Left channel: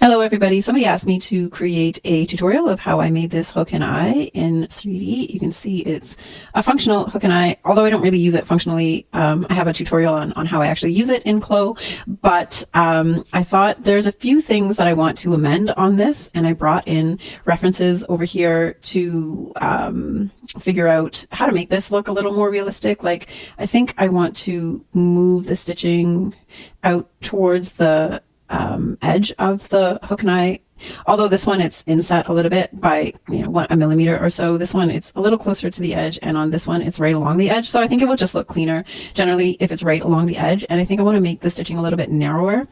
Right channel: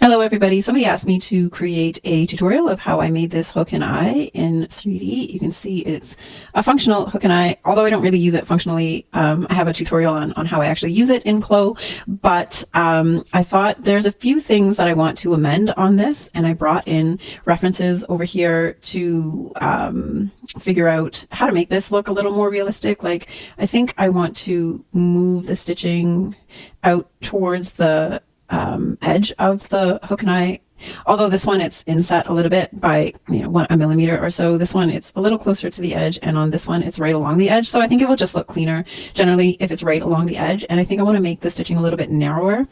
Hello everybody, somebody asked me to create a tutorial of how I made this hook and eye in 3D. You can see it's a functional hook and eye, although I don't really use it functionally. I have a tutorial on how I actually use it in CLO, but I thought there's a few things that I want to amend on this, and I brought in references over here to figure out how to make this look a little more realistic. Like, I think I want to move the stitching out towards the edge of the hook and eye. Although this one it's inset a little bit by a millimeter or so, this one it's a little closer to the edge, and on this one it's right along the edge. So I think it will just look cleaner generally if it's right along the edge. And I think I want to make the stitching a little bit narrower,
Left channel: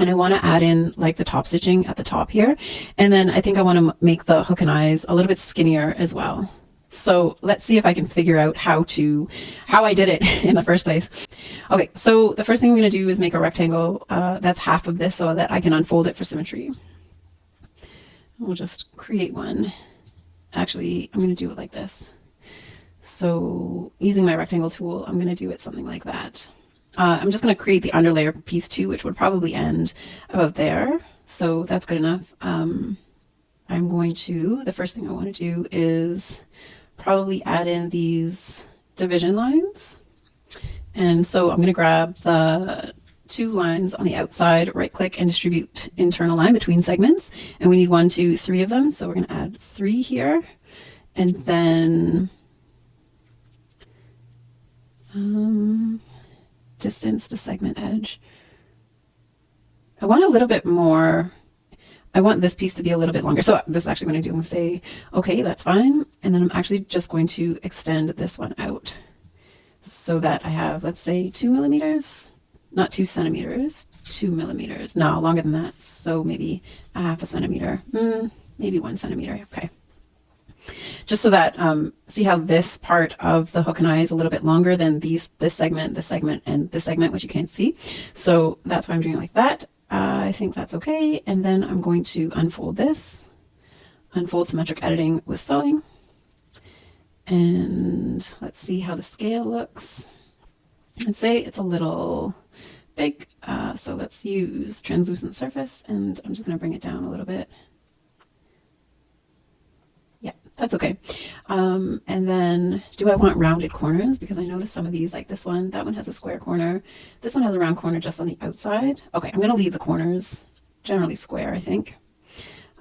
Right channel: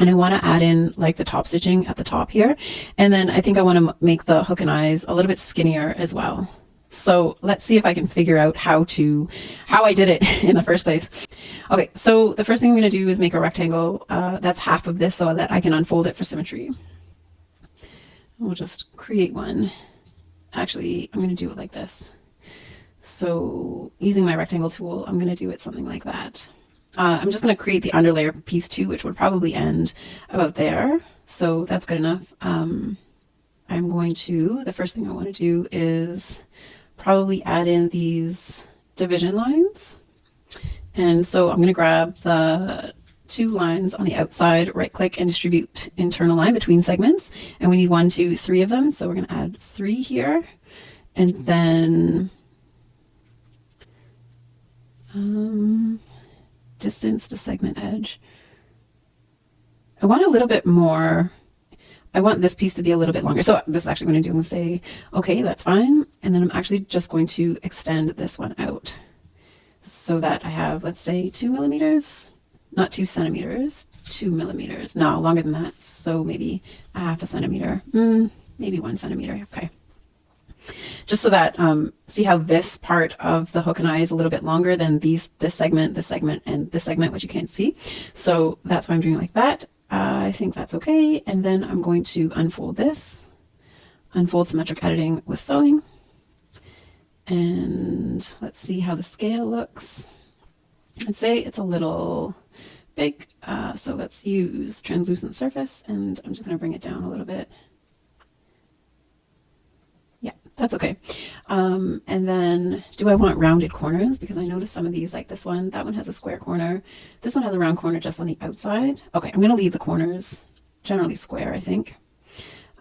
and I want to add in like the top stitching at the top here, and then I think I want to make the hook and eyes a little bit skinnier as well. So let's see if I can figure out how I did it in the first place. Okay, so the first thing I'm going to do is make a rectangle that's half of this so that I can unfold it for symmetry. We'll just create one. Actually, I'm going to do it like this. So using my rectangle tool, I'm going to do it something like that. I'm just going to create the underlayer piece too, which would probably end about there. So that's good enough. The first thing I want to do is probably add in these division lines. And so I'm going to grab the two lines on the outside, right click and distribute internal line between segments. And we need 1, 2, 3 of them. So we're going to add 3 here, and then distance to segment edge. I want a little bit more. I want this piece to be a little bit longer. So this is actually going to do, I'm going to say, okay, that's fine. And then I'm actually just going to extend this one out so that I have, let's say 2 millimeters, not 2 centimeters, 2 millimeters. No, longer than that. So maybe a half a centimeter, maybe 1 centimeter. Okay. Just so that, see how this part of the hook and eye is a little bit longer than this segment, and this segment, which you can't see. So that's why I'm doing it like that. I think that's okay. And then I'm going to unfold this, unfold symmetric editing with sewing. And let's see how the scale looks. I'd say it's a little big. So let's use translucent surface, and I'm just going to bring it down a little bit. Yeah, that's okay. And then do I want rounded corners? Because I noticed some of these, like this one, that one has a square corner. This one has a round corner just on the outside. Okay, I'm going to leave the corners generally square, I think.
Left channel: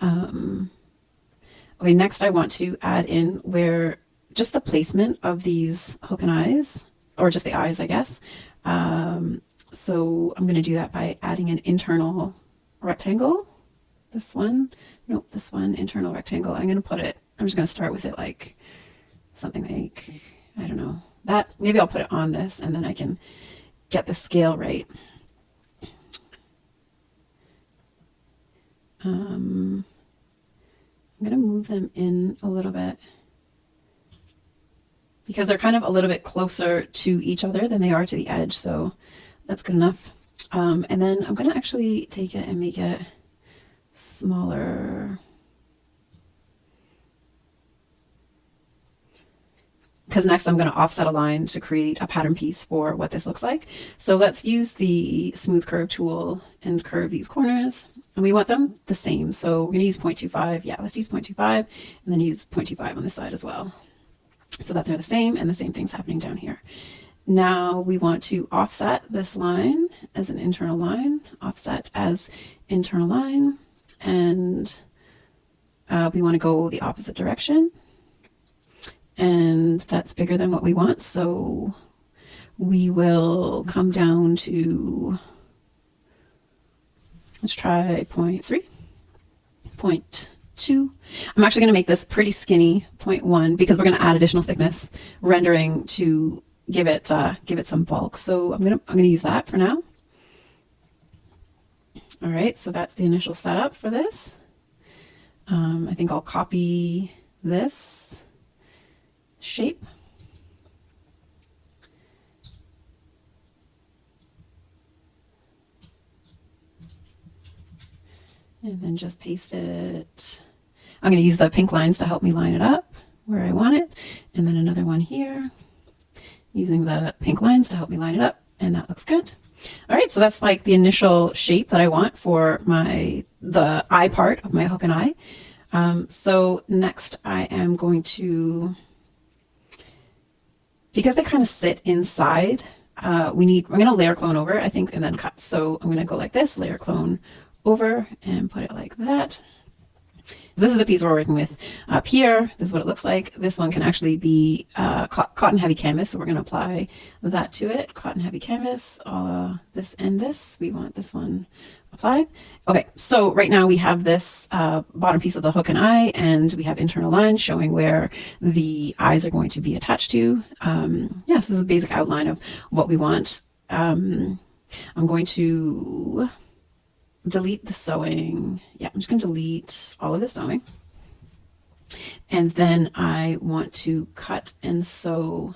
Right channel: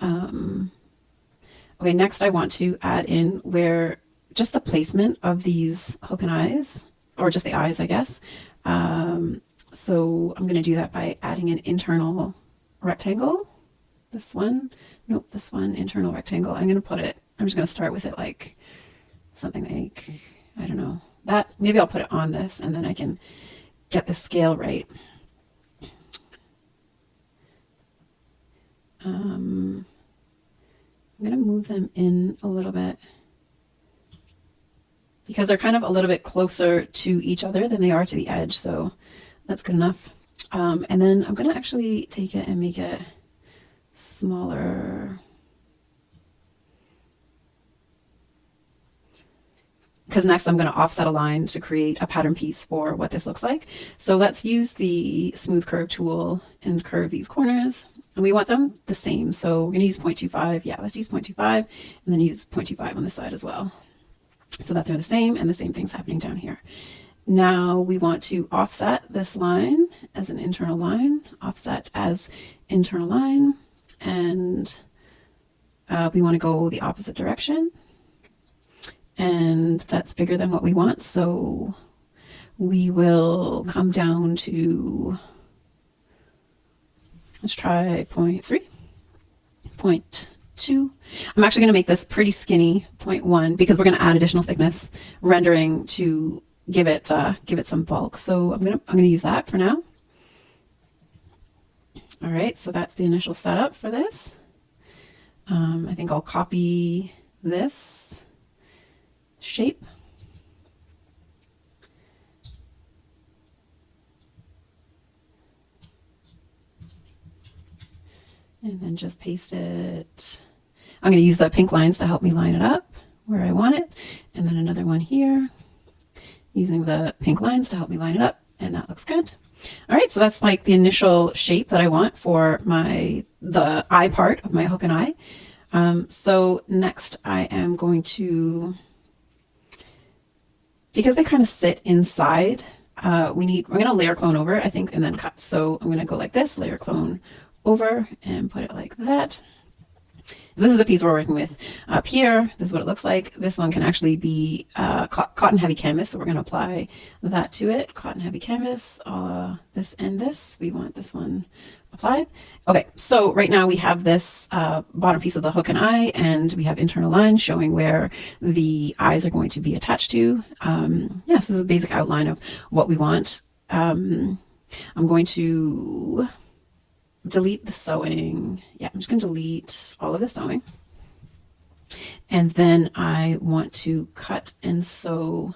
Okay, next I want to add in where just the placement of these hook and eyes, or just the eyes, I guess. So I'm going to do that by adding an internal rectangle. This one, nope, this one, internal rectangle. I'm just going to start with it like something like, I don't know, that. Maybe I'll put it on this, and then I can get the scale right. I'm going to move them in a little bit because they're kind of a little bit closer to each other than they are to the edge. So that's good enough. And then I'm going to actually take it and make it smaller, because next I'm going to offset a line to create a pattern piece for what this looks like. So let's use the smooth curve tool and curve these corners, and we want them the same. So we're going to use 0.25. Yeah, let's use 0.25, and then use 0.25 on this side as well, so that they're the same, and the same thing's happening down here. Now we want to offset this line as an internal line, offset as internal line, and we want to go the opposite direction. And that's bigger than what we want, so we will come down to, let's try 0.3, 0.2. I'm actually going to make this pretty skinny, 0.1, because we're going to add additional thickness rendering to give it some bulk. So I'm going to use that for now. All right, so that's the initial setup for this. I think I'll copy this shape. And then just paste it. I'm going to use the pink lines to help me line it up where I want it. And then another one here, using the pink lines to help me line it up. And that looks good. All right, so that's like the initial shape that I want for the eye part of my hook and eye. So next I am going to, because they kind of sit inside, we're going to layer clone over, I think, and then cut. So I'm going to go like this, layer clone over and put it like that. This is the piece we're working with up here. This is what it looks like. This one can actually be cotton heavy canvas, so we're going to apply that to it. Cotton heavy canvas, this and this. We want this one applied. Okay, so right now we have this bottom piece of the hook and eye, and we have internal lines showing where the eyes are going to be attached to. Yes, this is a basic outline of what we want. I'm going to delete the sewing. Yeah, I'm just going to delete all of the sewing. And then I want to cut and sew.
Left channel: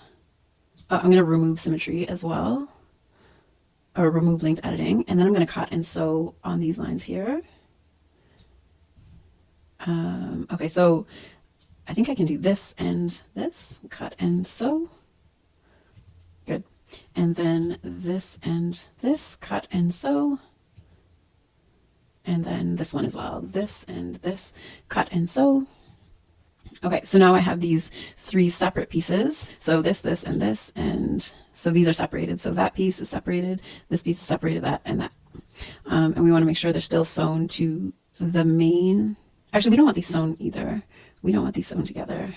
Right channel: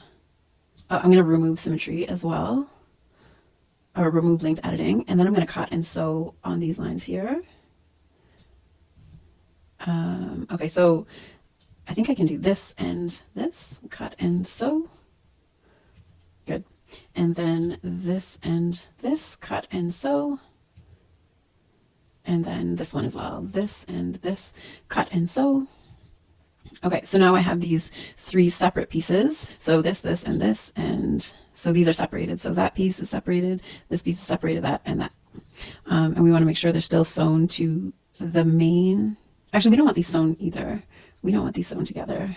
I'm going to remove symmetry as well, or remove linked editing. And then I'm going to cut and sew on these lines here. Okay, so I think I can do this and this, cut and sew. Good. And then this and this, cut and sew. And then this one as well, this and this, cut and sew. Okay, so now I have these 3 separate pieces. So this, and this, and so these are separated. So that piece is separated, this piece is separated, that and that. And we want to make sure they're still sewn to the main. Actually, we don't want these sewn either. We don't want these sewn together.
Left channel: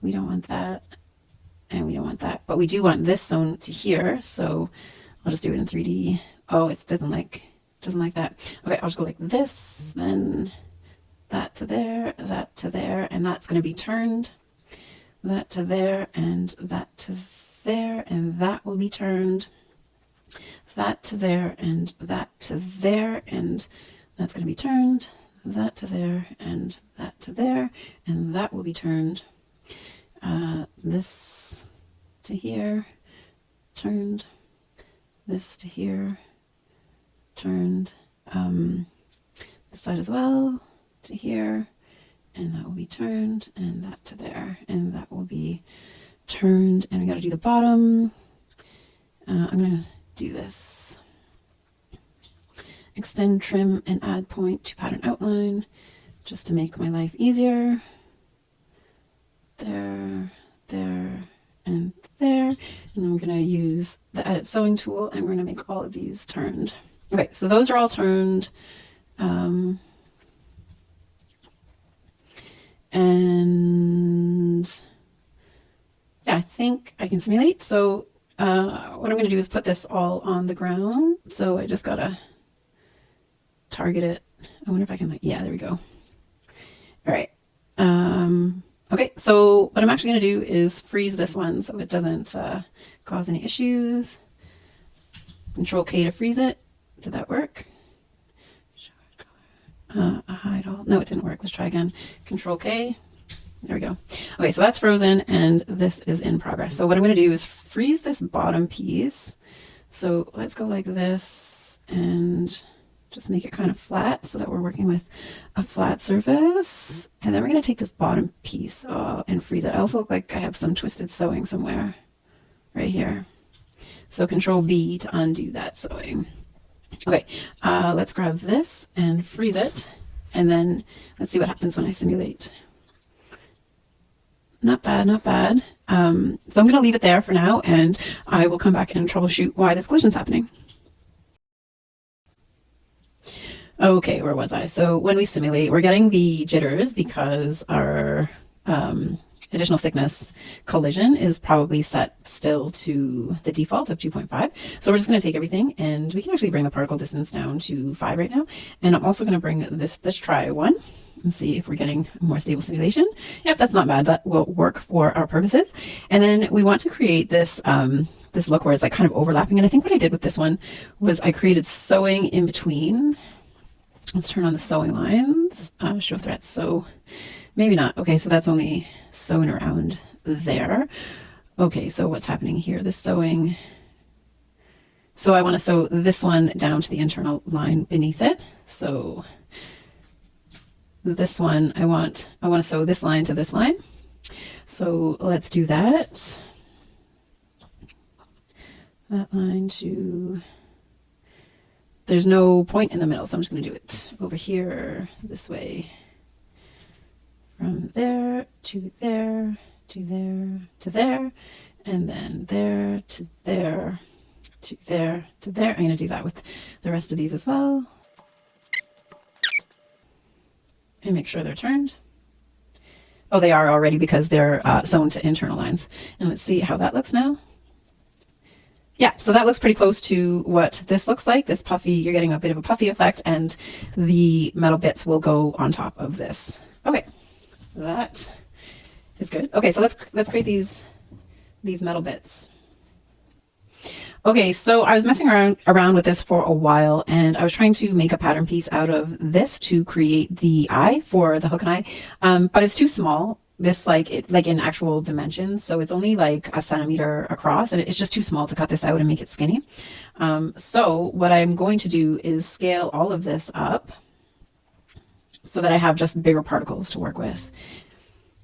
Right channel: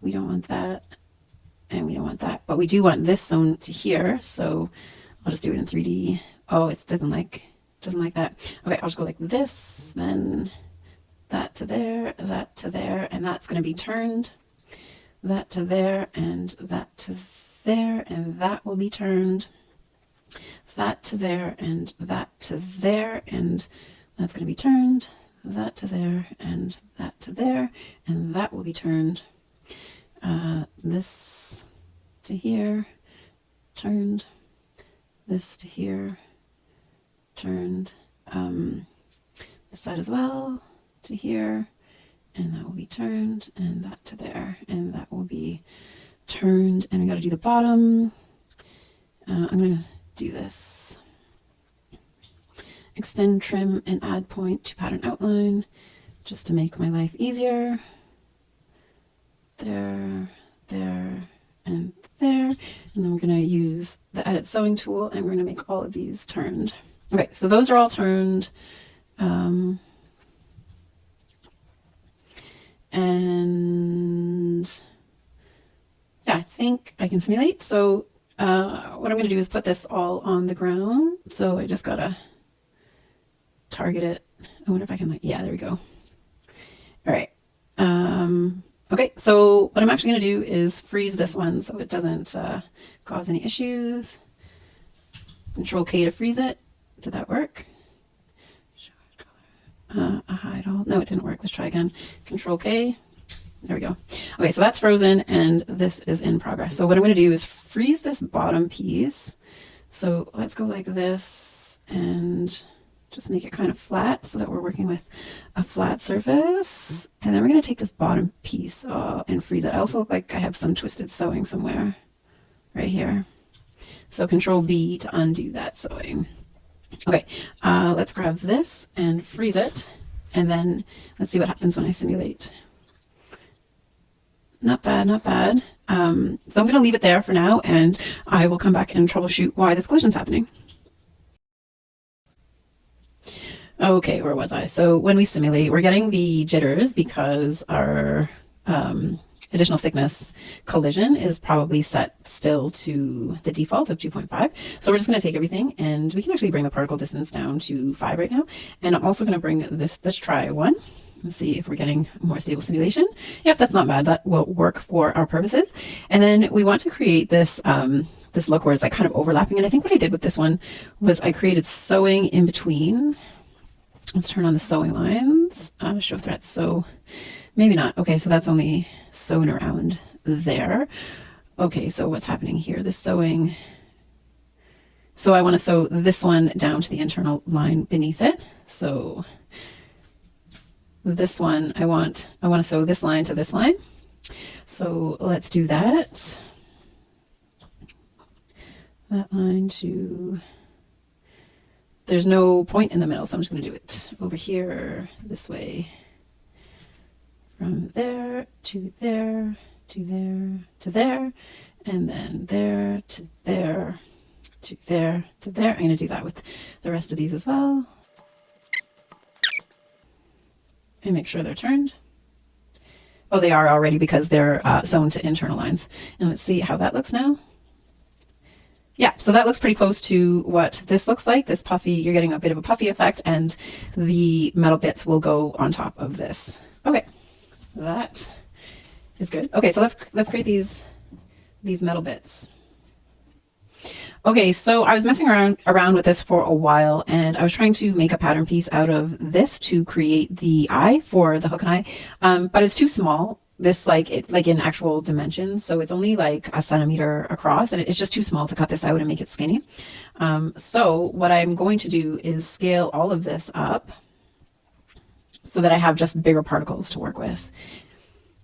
We don't want that, and we don't want that. But we do want this sewn to here, so I'll just do it in 3D. Oh, it doesn't like that. Okay, I'll just go like this, then that to there, and that's going to be turned. That to there, and that to there, and that will be turned. That to there, and that to there, and that's going to be turned. That to there, and that to there, and that will be turned. This to here, turned. This to here, turned. This side as well to here, and that will be turned, and that to there, and that will be turned. And we got to do the bottom. I'm going to do this. Extend, trim, and add point to pattern outline, just to make my life easier. There, there, and there. And then we're going to use the edit sewing tool, and we're going to make all of these turned. Okay, so those are all turned. And yeah, I think I can simulate. So what I'm going to do is put this all on the ground. So I just got to target it. I wonder if I can, like, yeah, there we go. All right. Okay, so what I'm actually going to do is freeze this one so it doesn't cause any issues. Control K to freeze it. Did that work? Hide all. No, it didn't work. Let's try again. Control K. There we go. Okay, so that's frozen and this is in progress. So what I'm going to do is freeze this bottom piece. So let's go like this and just make it kind of flat so that we're working with a flat surface. And then we're going to take this bottom piece and freeze it. I also look like I have some twisted sewing somewhere right here. So Control V to undo that sewing. Okay, let's grab this and freeze it, and then let's see what happens when I simulate. Not bad, not bad. So I'm going to leave it there for now, and I will come back and troubleshoot why this collision is happening. Okay, where was I? So when we simulate, we're getting the jitters because our additional thickness collision is probably set still to the default of 2.5. So we're just going to take everything, and we can actually bring the particle distance down to 5 right now. And I'm also going to bring this try one and see if we're getting a more stable simulation. Yep, that's not bad. That will work for our purposes. And then we want to create this this look where it's like kind of overlapping. And I think what I did with this one was I created sewing in between. Let's turn on the sewing lines, show threads. So maybe not. Okay, so that's only sewn around there. Okay, so what's happening here? This sewing. So I want to sew this one down to the internal line beneath it. So this one, I want to sew this line to this line. So let's do that. that line to, there's no point in the middle, so I'm just going to do it over here this way, from there to there to there to there, and then there to there to there to there. I'm going to do that with the rest of these as well, and make sure they're turned. Oh, they are already because they're sewn to internal lines. And let's see how that looks now. Yeah, so that looks pretty close to what this looks like. This puffy, you're getting a bit of a puffy effect, and the metal bits will go on top of this. Okay, that is good. Okay, so let's create these metal bits. Okay, so I was messing around with this for a while, and I was trying to make a pattern piece out of this to create the eye for the hook and eye, but it's too small. This like in actual dimensions, so it's only like a centimeter across, and it's just too small to cut this out and make it skinny. So what I'm going to do is scale all of this up so that I have just bigger particles to work with.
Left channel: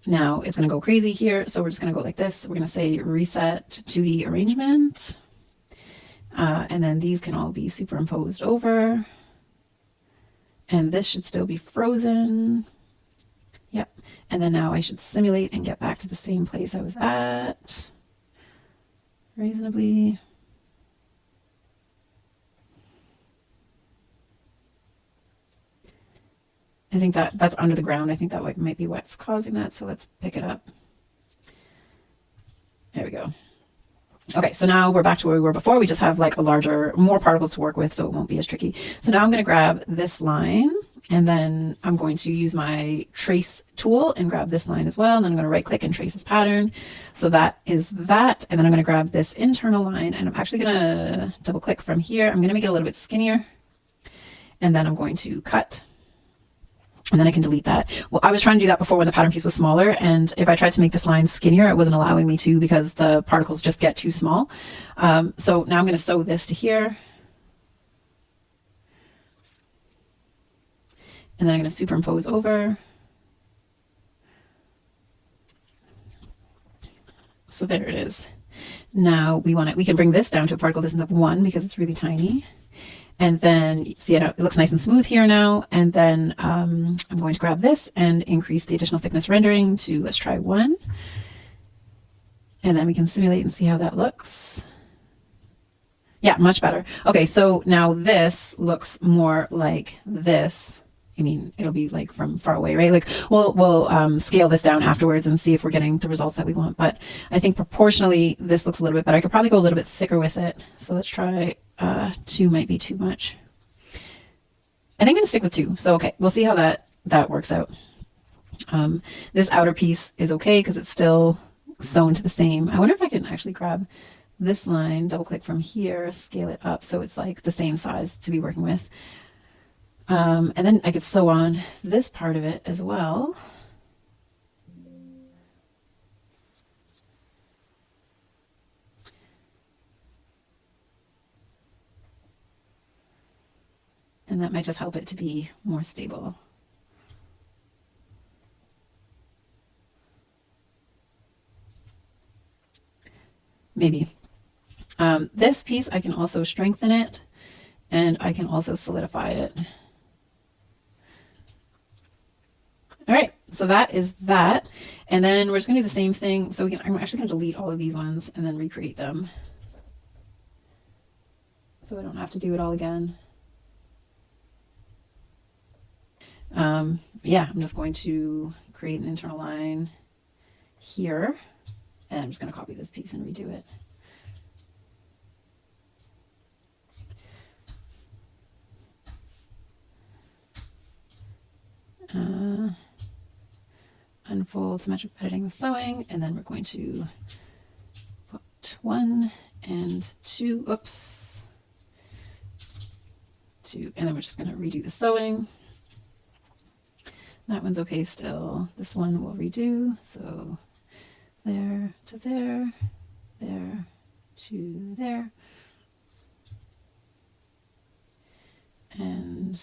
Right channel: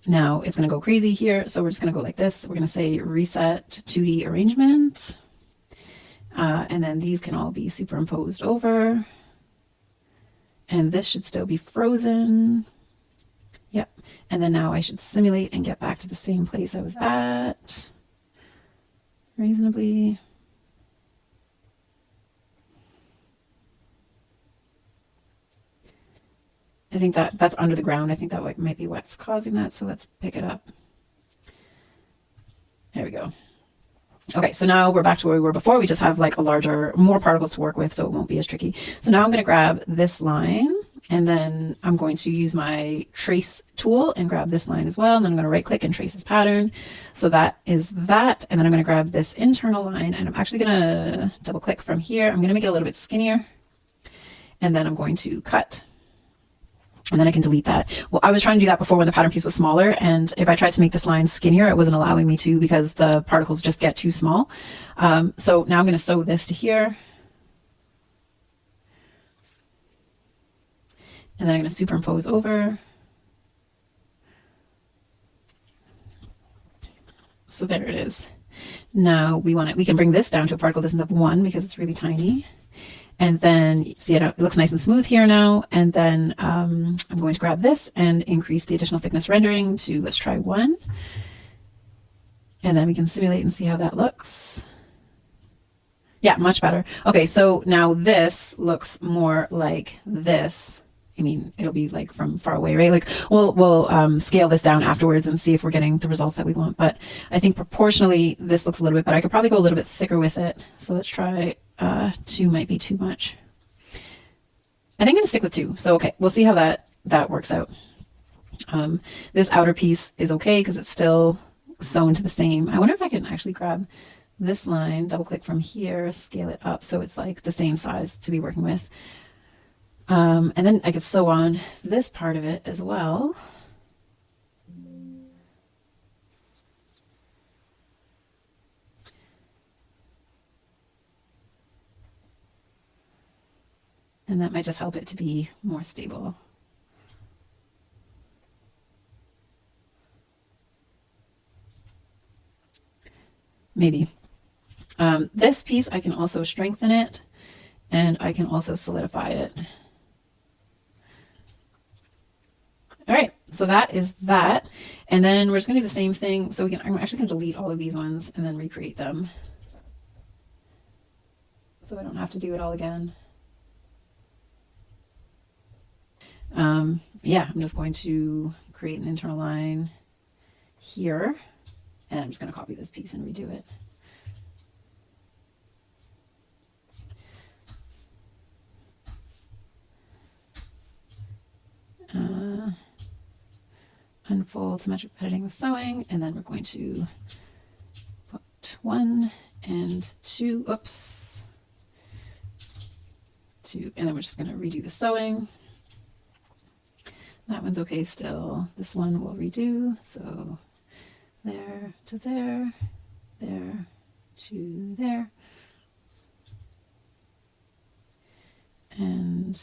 Now it's going to go crazy here, so we're just going to go like this. We're going to say reset 2D arrangement. And then these can all be superimposed over. And this should still be frozen. Yep. And then now I should simulate and get back to the same place I was at. Reasonably. I think that's under the ground. I think that might be what's causing that. So let's pick it up. There we go. Okay, so now we're back to where we were before. We just have like more particles to work with, so it won't be as tricky. So now I'm going to grab this line, and then I'm going to use my trace tool and grab this line as well. And then I'm going to right click and trace this pattern. So that is that. And then I'm going to grab this internal line, and I'm actually going to double click from here. I'm going to make it a little bit skinnier, and then I'm going to cut. And then I can delete that. Well, I was trying to do that before when the pattern piece was smaller, and if I tried to make this line skinnier, it wasn't allowing me to because the particles just get too small. So now I'm going to sew this to here. And then I'm going to superimpose over. So there it is. Now we can bring this down to a particle distance of 1 because it's really tiny. And then see it looks nice and smooth here now. And then I'm going to grab this and increase the additional thickness rendering to, let's try 1. And then we can simulate and see how that looks. Yeah, much better. Okay, so now this looks more like this. I mean, it'll be like from far away, right? Like we'll scale this down afterwards and see if we're getting the results that we want. But I think proportionally, this looks a little bit better. I could probably go a little bit thicker with it. So let's try 2 might be too much. I think I'm gonna stick with 2. So, okay, we'll see how that works out. This outer piece is okay because it's still sewn to the same. I wonder if I can actually grab this line, double click from here, scale it up so it's like the same size to be working with. And then I could sew on this part of it as well. And that might just help it to be more stable. Maybe. This piece, I can also strengthen it, and I can also solidify it. All right, so that is that. And then we're just gonna do the same thing. So I'm actually gonna delete all of these ones and then recreate them. So I don't have to do it all again. Yeah, I'm just going to create an internal line here, and I'm just going to copy this piece and redo it. Unfold symmetric editing the sewing, and then we're going to put 1 and 2, oops, 2, and then we're just going to redo the sewing. That one's okay still. This one we'll redo. So there to there, there to there, and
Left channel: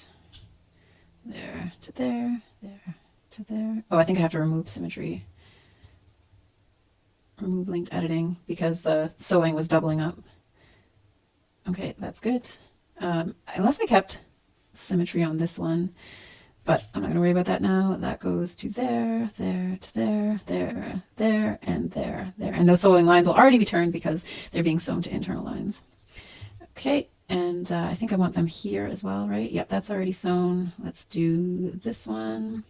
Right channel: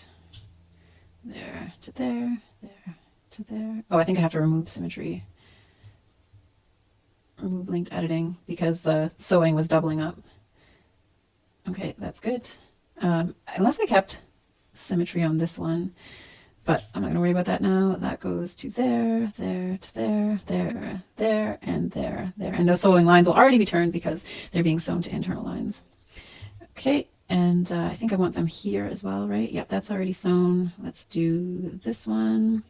there to there, there to there. Oh, I think I have to remove symmetry. Remove linked editing because the sewing was doubling up. Okay, that's good. Unless I kept symmetry on this one, but I'm not going to worry about that now. That goes to there, there, to there, there, there, and there, there. And those sewing lines will already be turned because they're being sewn to internal lines. Okay, and I think I want them here as well, right? Yep, that's already sewn. Let's do this one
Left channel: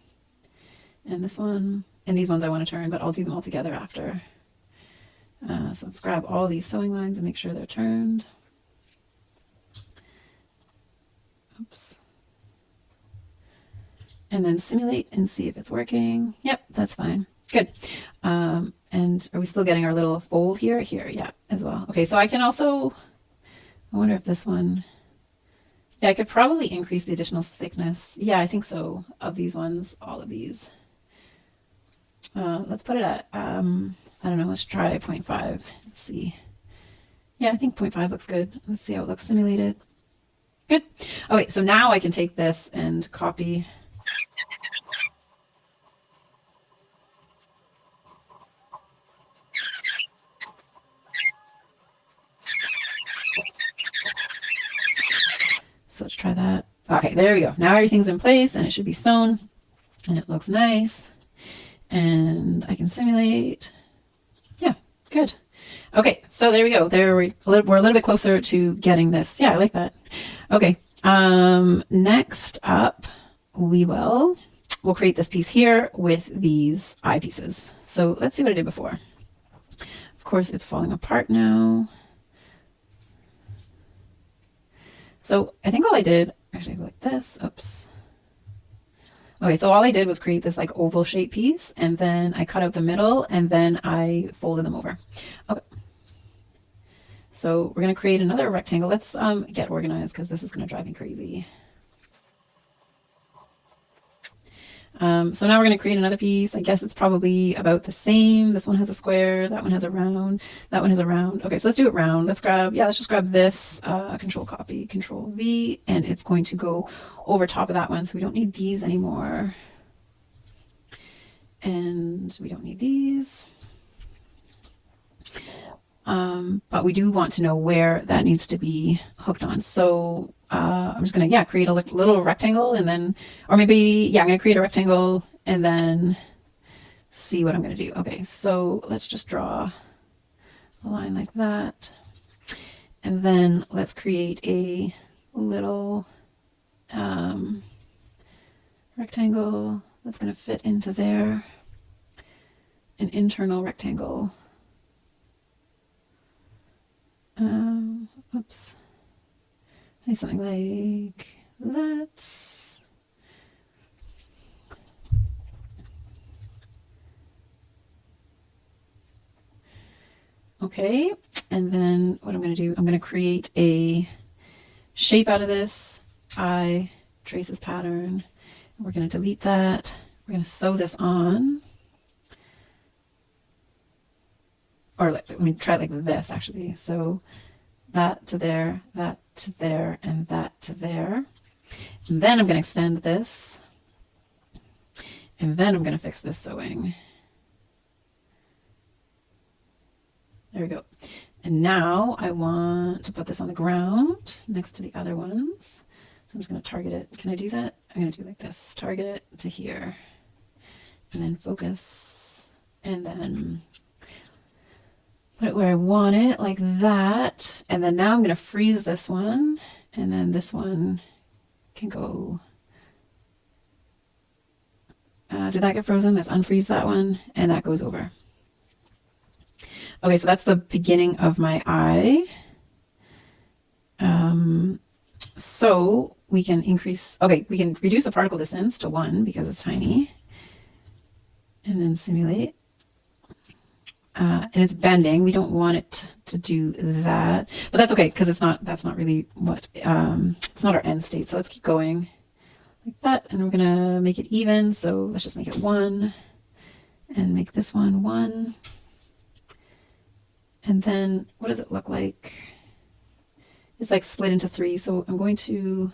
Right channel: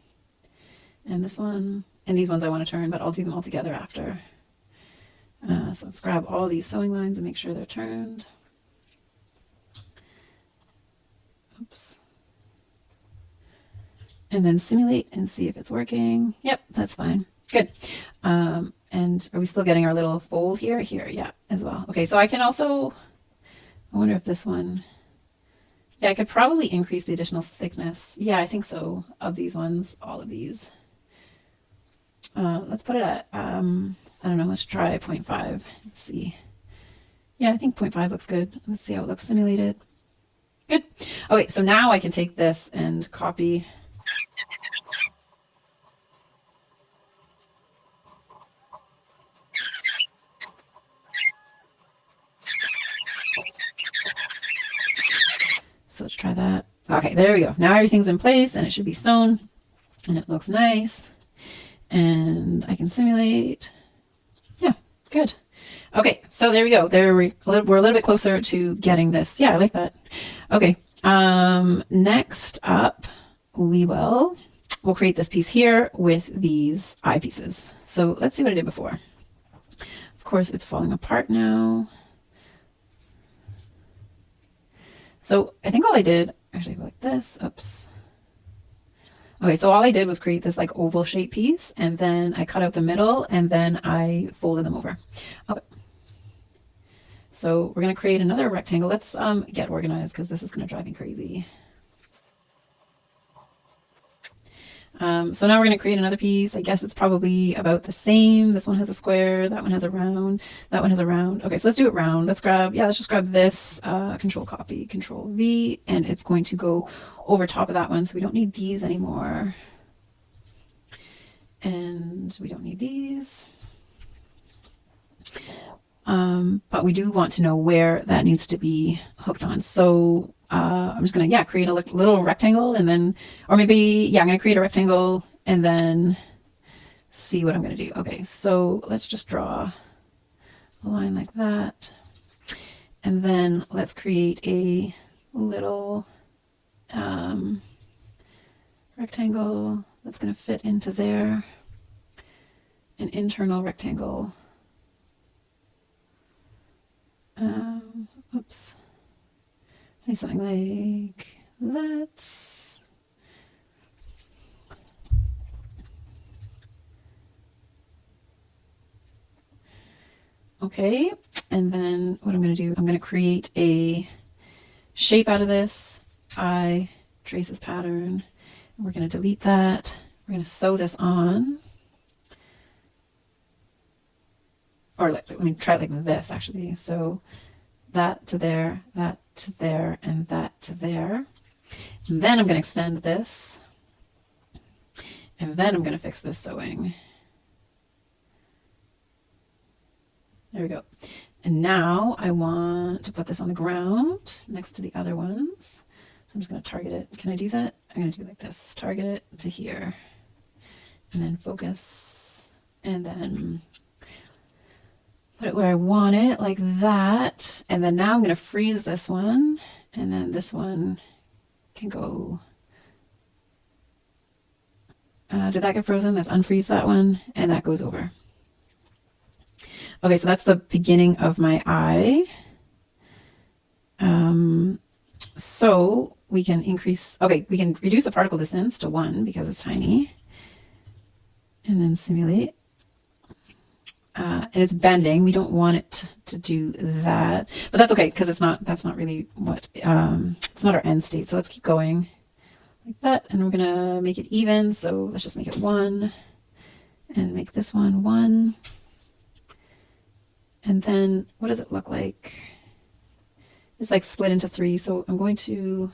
and this one. And these ones I want to turn, but I'll do them all together after. So let's grab all of these sewing lines and make sure they're turned. Oops. And then simulate and see if it's working. Yep, that's fine. Good. And are we still getting our little fold here? Here, yeah, as well. Okay, so I can also, I wonder if this one, yeah, I could probably increase the additional thickness. Yeah, I think so, of these ones, all of these. Let's put it at, I don't know, let's try 0.5. Let's see. Yeah, I think 0.5 looks good. Let's see how it looks simulated. Good. Okay, so now I can take this and copy. So let's try that. Okay, there we go. Now everything's in place and it should be sewn and it looks nice. And I can simulate. Yeah, good. Okay, so there we go. We're a little bit closer to getting this. Yeah, I like that. Okay, next up, we'll create this piece here with these eye pieces. So let's see what I did before. Of course, it's falling apart now. So I think all I did, actually I go like this, oops. Okay, so all I did was create this like oval shape piece, and then I cut out the middle, and then I folded them over. Okay. So we're going to create another rectangle. Let's get organized because this is going to drive me crazy. So now we're going to create another piece. I guess it's probably about the same. This one has a square, that one has a round, that one has a round. Okay, so let's do it round. Let's just grab this, control copy, control V, and it's going to go over top of that one. So we don't need these anymore. And we don't need these. But we do want to know where that needs to be hooked on. So I'm just going to, create a little rectangle and then, or maybe, I'm going to create a rectangle and then see what I'm going to do. Okay, so let's just draw a line like that. And then let's create a little rectangle that's going to fit into there, an internal rectangle. Oops. Something like that. Okay, and then what I'm going to do, I'm going to create a shape out of this. I trace this pattern. We're going to delete that. We're going to sew this on. Or let me try like this actually. So that to there, that to there, and that to there. And then I'm going to extend this. And then I'm going to fix this sewing. There we go. And now I want to put this on the ground next to the other ones. So I'm just going to target it. Can I do that? I'm going to do like this. Target it to here. And then focus. And then put it where I want it, like that. And then now I'm going to freeze this one. And then this one can go. Did that get frozen? Let's unfreeze that one. And that goes over. Okay, so that's the beginning of my eye. So we can we can reduce the particle distance to 1 because it's tiny. And then simulate. And it's bending. We don't want it to do that, but that's okay because that's not really what, it's not our end state. So let's keep going like that. And we're going to make it even. So let's just make it 1 and make this one 1. And then what does it look like? It's like split into 3. So I'm going to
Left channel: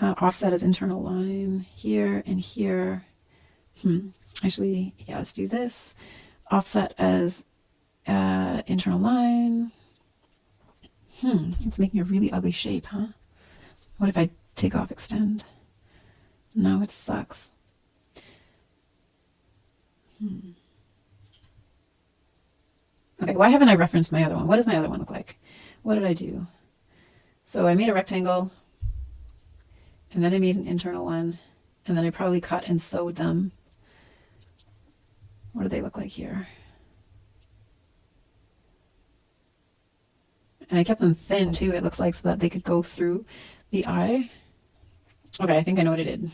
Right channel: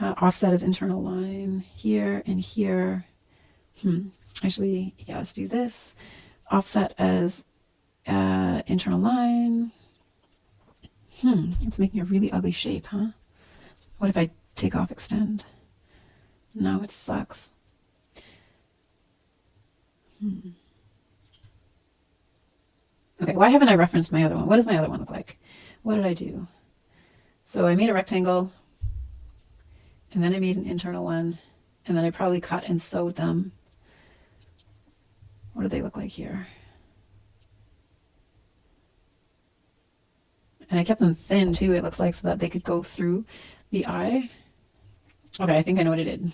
offset as internal line here and here. Actually, yeah, let's do this. Offset as internal line. It's making a really ugly shape, huh? What if I take off extend? No, it sucks. Okay, why haven't I referenced my other one? What does my other one look like? What did I do? So I made a rectangle, and then I made an internal one, and then I probably cut and sewed them. What do they look like here? And I kept them thin too, it looks like, so that they could go through the eye. Okay, I think I know what I did.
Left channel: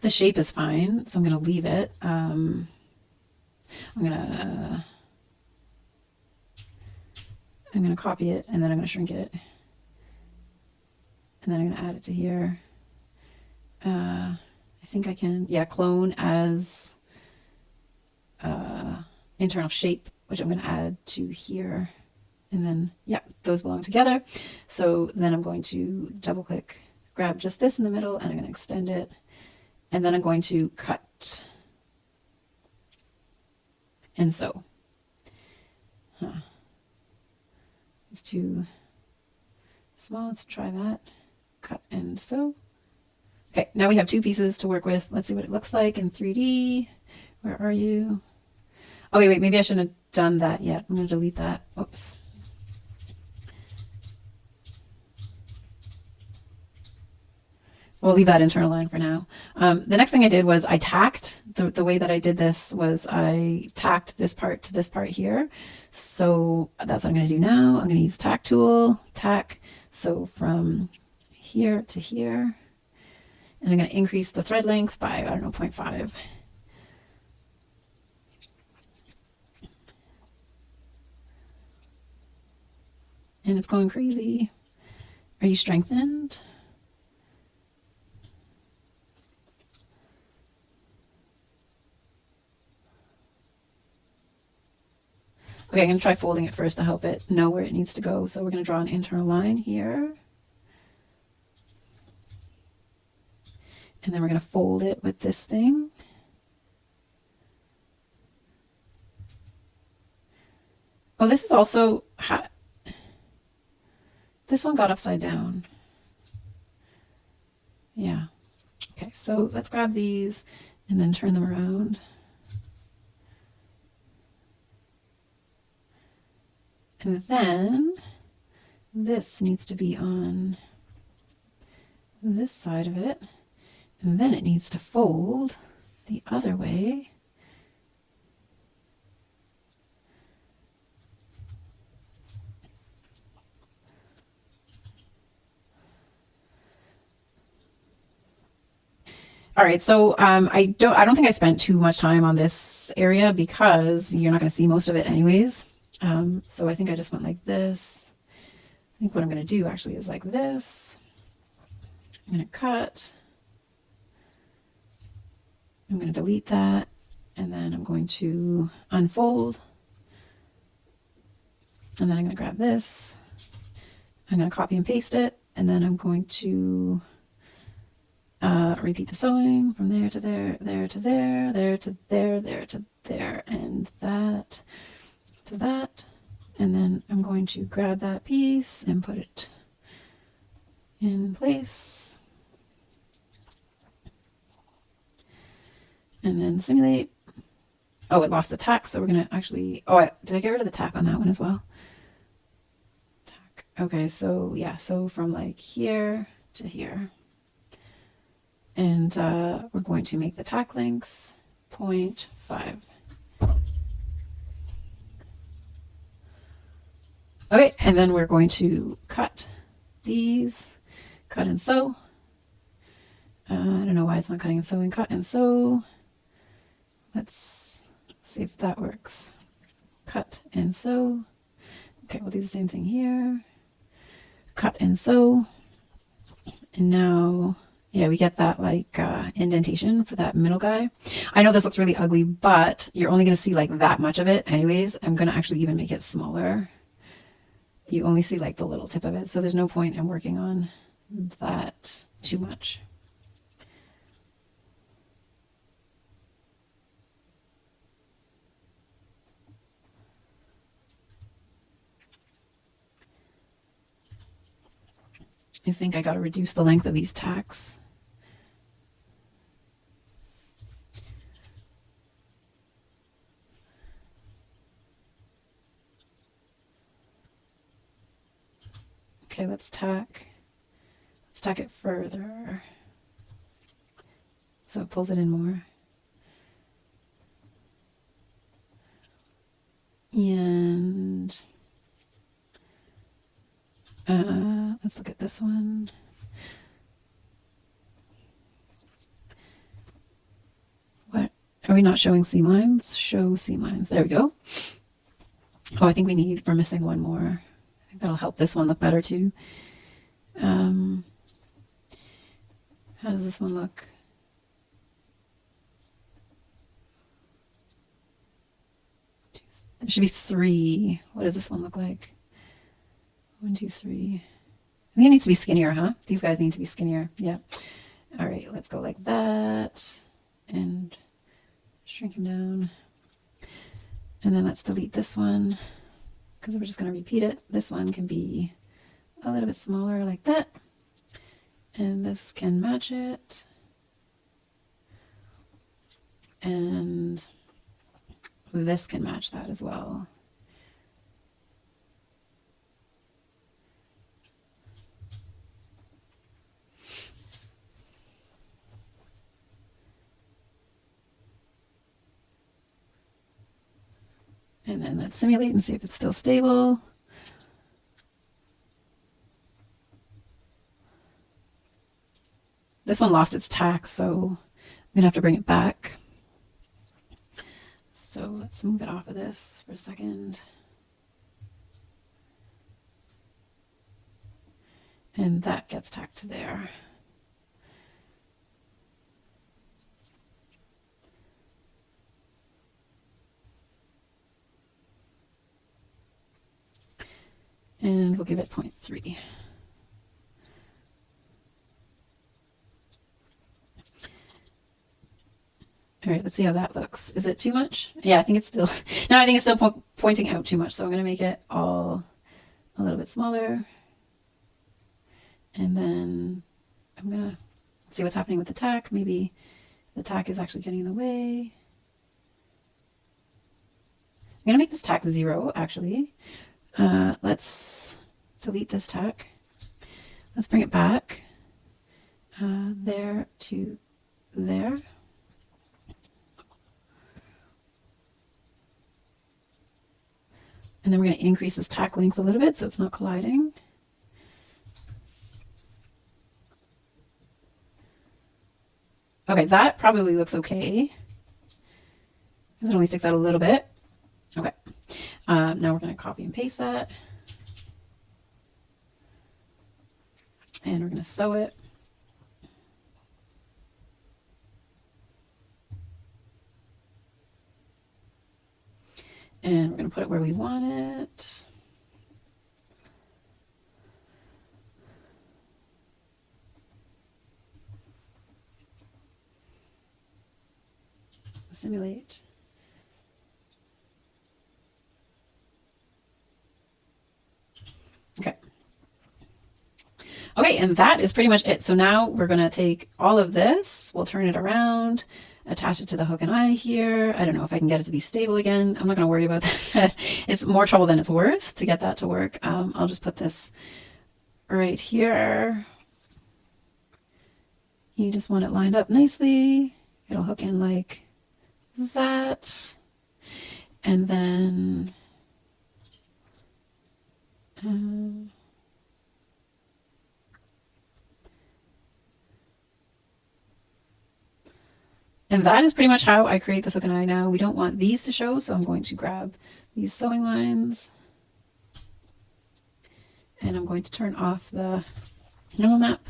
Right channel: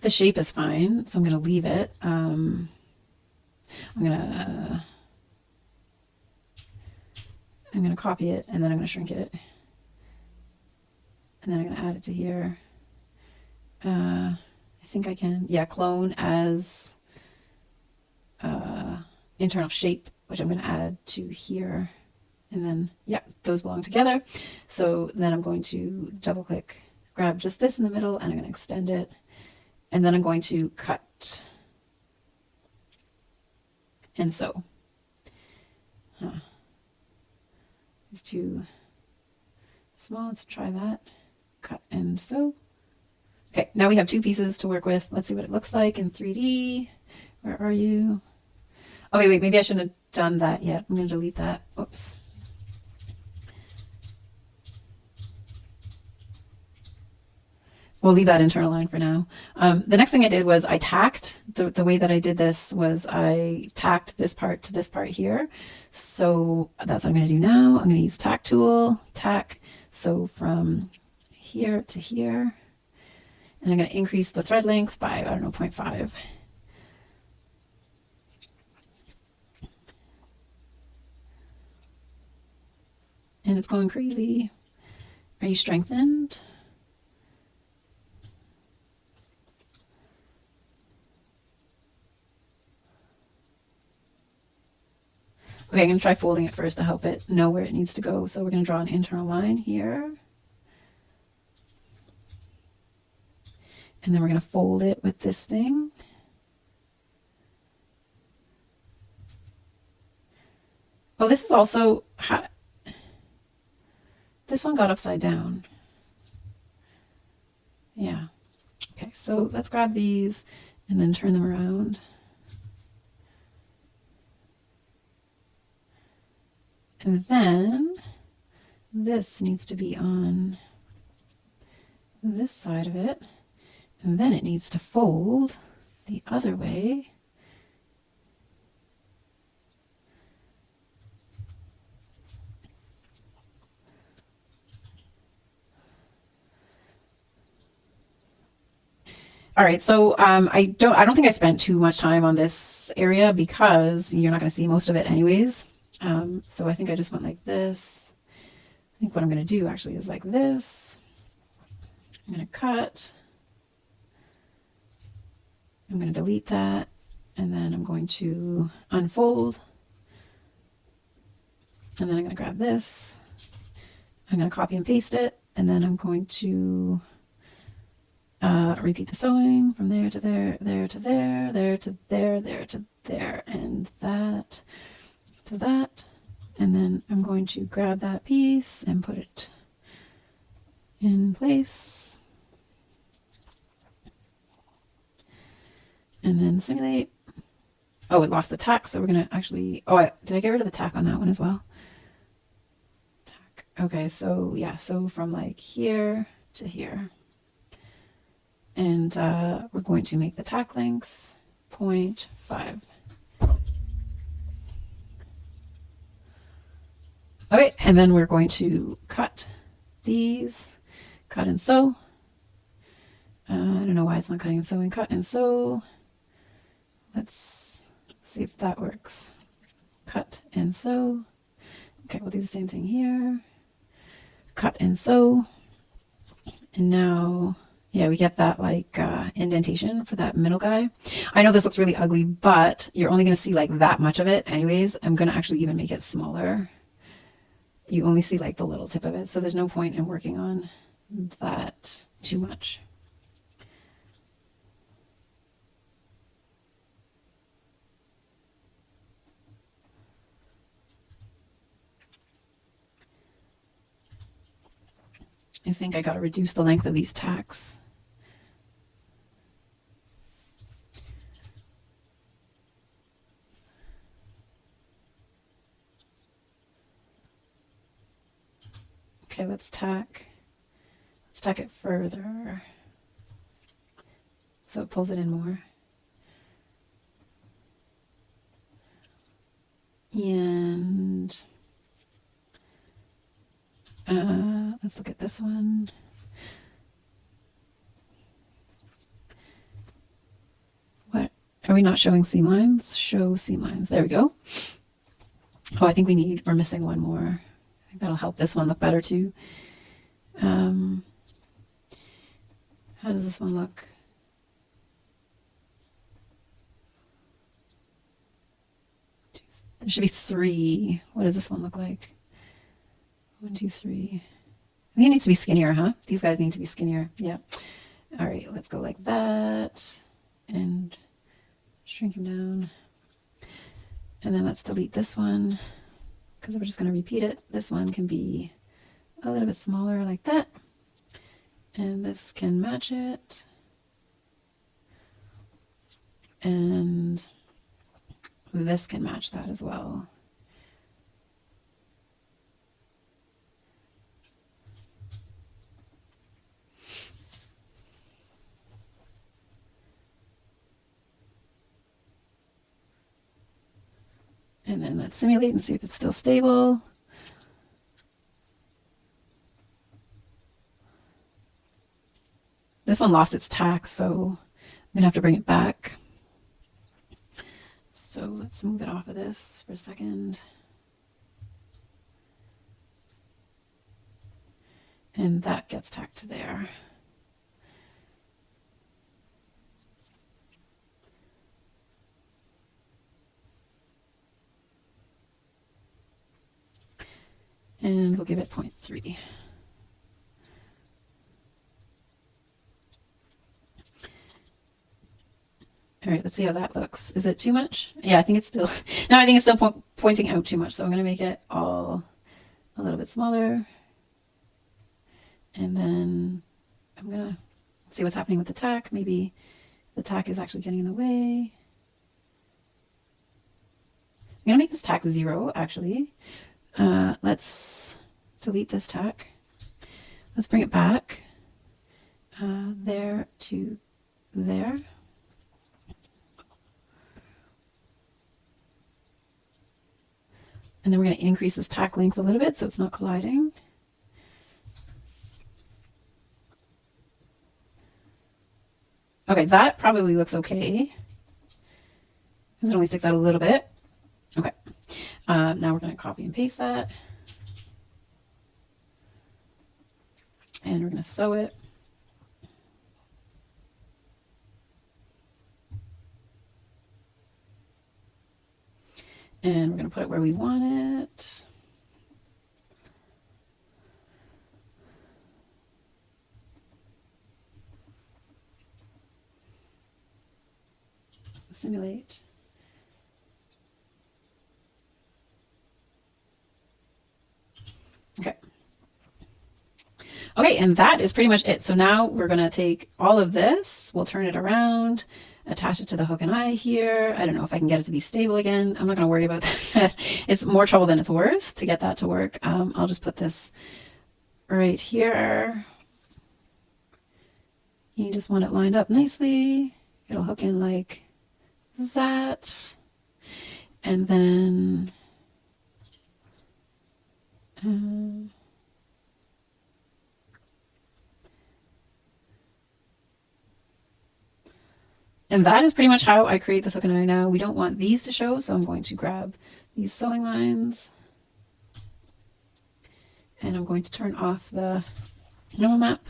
The shape is fine, so I'm going to leave it. I'm going to copy it, and then I'm going to shrink it. And then I'm going to add it to here. I think I can, yeah, clone as internal shape, which I'm going to add to here. And then, yeah, those belong together. So then I'm going to double click, grab just this in the middle, and I'm going to extend it. And then I'm going to cut and sew. It's too small. Let's try that. Cut and sew. Okay, now we have two pieces to work with. Let's see what it looks like in 3D. Where are you? Okay, wait, maybe I shouldn't have done that yet. I'm going to delete that. Oops. We'll leave that internal line for now. The next thing I did was I tacked. The way that I did this was I tacked this part to this part here. So that's what I'm going to do now. I'm going to use tack tool, tack. So from here to here. And I'm going to increase the thread length by, I don't know, 0.5. And it's going crazy. Are you strengthened? Okay, I'm going to try folding it first to help it know where it needs to go. So we're going to draw an internal line here. And then we're going to fold it with this thing. Oh, this is also, this one got upside down. Yeah. Okay, so let's grab these and then turn them around. And then this needs to be on this side of it. And then it needs to fold the other way. All right, so I don't think I spent too much time on this area because you're not going to see most of it anyways. So I think I just went like this. I think what I'm going to do actually is like this. I'm going to cut. I'm going to delete that, and then I'm going to unfold. And then I'm going to grab this. I'm going to copy and paste it, and then I'm going to repeat the sewing from there to there, there to there, there to there, there to there, and that to that. And then I'm going to grab that piece and put it in place. And then simulate. Oh, it lost the tack, so we're going to actually, did I get rid of the tack on that one as well? Tack. Okay, so yeah, so from like here to here. And we're going to make the tack length 0.5. Okay, and then we're going to cut these, cut and sew. I don't know why it's not cutting and sewing. Cut and sew. Let's see if that works. Cut and sew. Okay, we'll do the same thing here. Cut and sew. And now, yeah, we get that like indentation for that middle guy. I know this looks really ugly, but you're only going to see like that much of it anyways. I'm going to actually even make it smaller. You only see like the little tip of it, so there's no point in working on that too much. I think I got to reduce the length of these tacks. Okay, let's tack it further so it pulls it in more. And let's look at this one. What? Are we not showing seam lines? Show seam lines. There we go. Oh, I think we're missing one more. I think that'll help this one look better too. How does this one look? There should be 3. What does this one look like? 1, 2, 3. I think it needs to be skinnier, huh? These guys need to be skinnier. Yeah. All right, let's go like that and shrink him down. And then let's delete this one because we're just going to repeat it. This one can be a little bit smaller like that. And this can match it. And this can match that as well. And then let's simulate and see if it's still stable. This one lost its tack, so I'm gonna have to bring it back. So let's move it off of this for a second. And that gets tacked to there. And we'll give it 0.3. All right, let's see how that looks. Is it too much? Yeah, I think it's still, no, I think it's still pointing out too much. So I'm going to make it all a little bit smaller. And then I'm going to see what's happening with the tack. Maybe the tack is actually getting in the way. I'm going to make this tack 0, actually. Let's delete this tack. Let's bring it back there to there. And then we're going to increase this tack length a little bit so it's not colliding. Okay, that probably looks okay because it only sticks out a little bit. Okay, now we're going to copy and paste that. And we're going to sew it. And we're going to put it where we want it. Simulate. Okay. Okay, and that is pretty much it. So now we're going to take all of this, we'll turn it around, attach it to the hook and eye here. I don't know if I can get it to be stable again. I'm not going to worry about that. It's more trouble than it's worth to get that to work. I'll just put this right here. You just want it lined up nicely. It'll hook in like that. And then and that is pretty much how I create this hook and eye now. We don't want these to show, so I'm going to grab these sewing lines and I'm going to turn off the normal map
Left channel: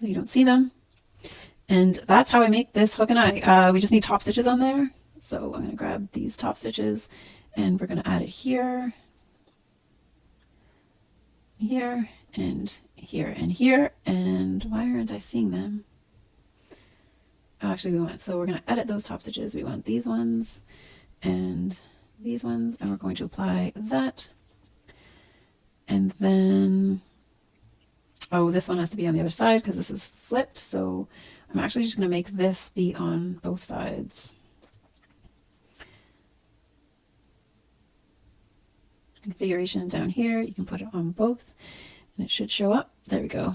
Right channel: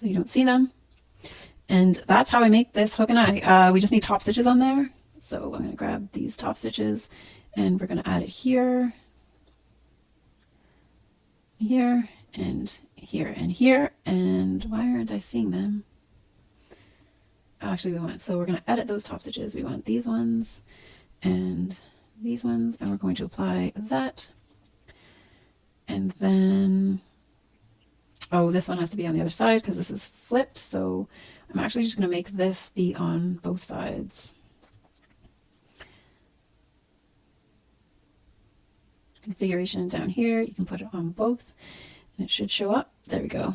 so you don't see them. And that's how I make this hook and eye. We just need top stitches on there. So I'm going to grab these top stitches and we're going to add it here, here, and here, and here. And why aren't I seeing them? Actually, so we're going to edit those top stitches. We want these ones and these ones, and we're going to apply that. And then oh, this one has to be on the other side because this is flipped. So I'm actually just going to make this be on both sides. Configuration down here, you can put it on both and it should show up. There we go.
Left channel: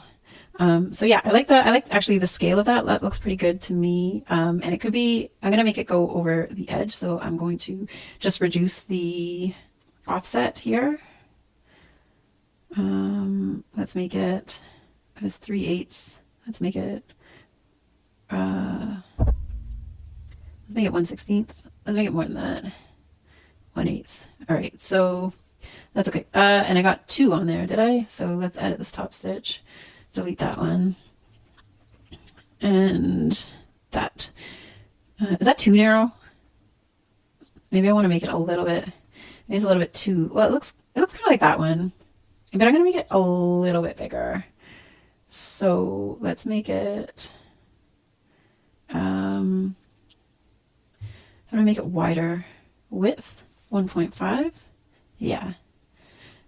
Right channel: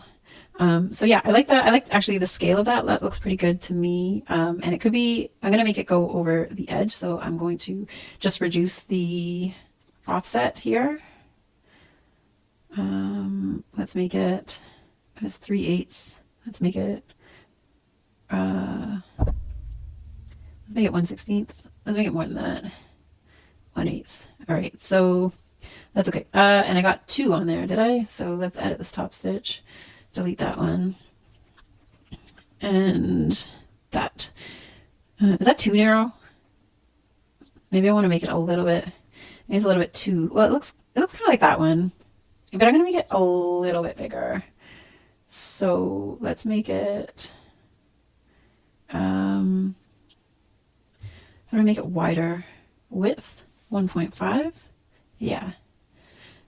So yeah, I like that. I like actually the scale of that. That looks pretty good to me. And it could be, I'm going to make it go over the edge. So I'm going to just reduce the offset here. Let's make it, that's 3/8. Let's make it, let's make it 1/16. Let's make it more than that. 1/8. All right. So that's okay. And I got 2 on there, did I? So let's edit this top stitch. Delete that one. And that. Is that too narrow? Maybe I want to make it a little bit. Maybe it's a little bit too. Well, it looks kind of like that one, but I'm gonna make it a little bit bigger. So let's make it. How do I make it wider? Width 1.5. Yeah.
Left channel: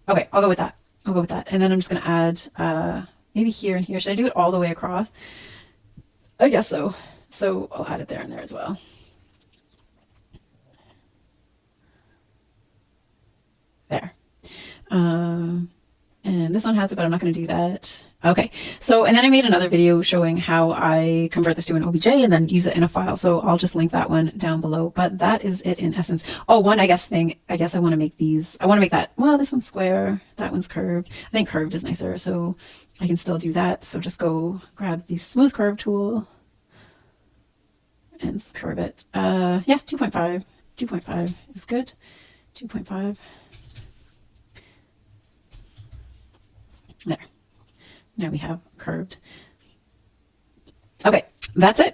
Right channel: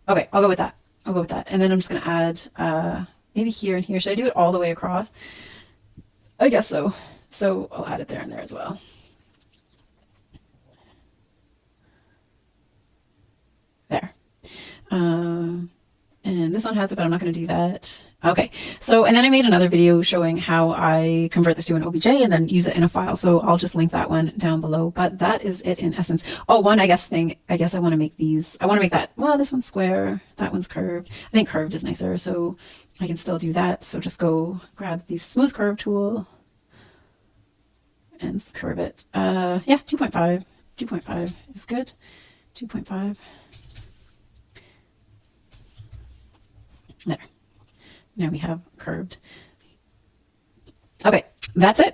Okay, I'll go with that. I'll go with that. And then I'm just gonna add maybe here and here. Should I do it all the way across? I guess so. So I'll add it there and there as well. There. And this one has it, but I'm not going to do that. Okay. So, and then I made another video showing how I convert this to an OBJ and then use it in a file. So I'll just link that one down below, but that is it in essence. Oh, one, I guess I want to make these, I want to make that, well, this one's square, that one's curved. I think curved is nicer, so I can still do that. So just go grab the smooth curve tool and curve it. Yeah, 2.5. 2.5 is good. 2.5. There. Now we have curved. Okay, that's it.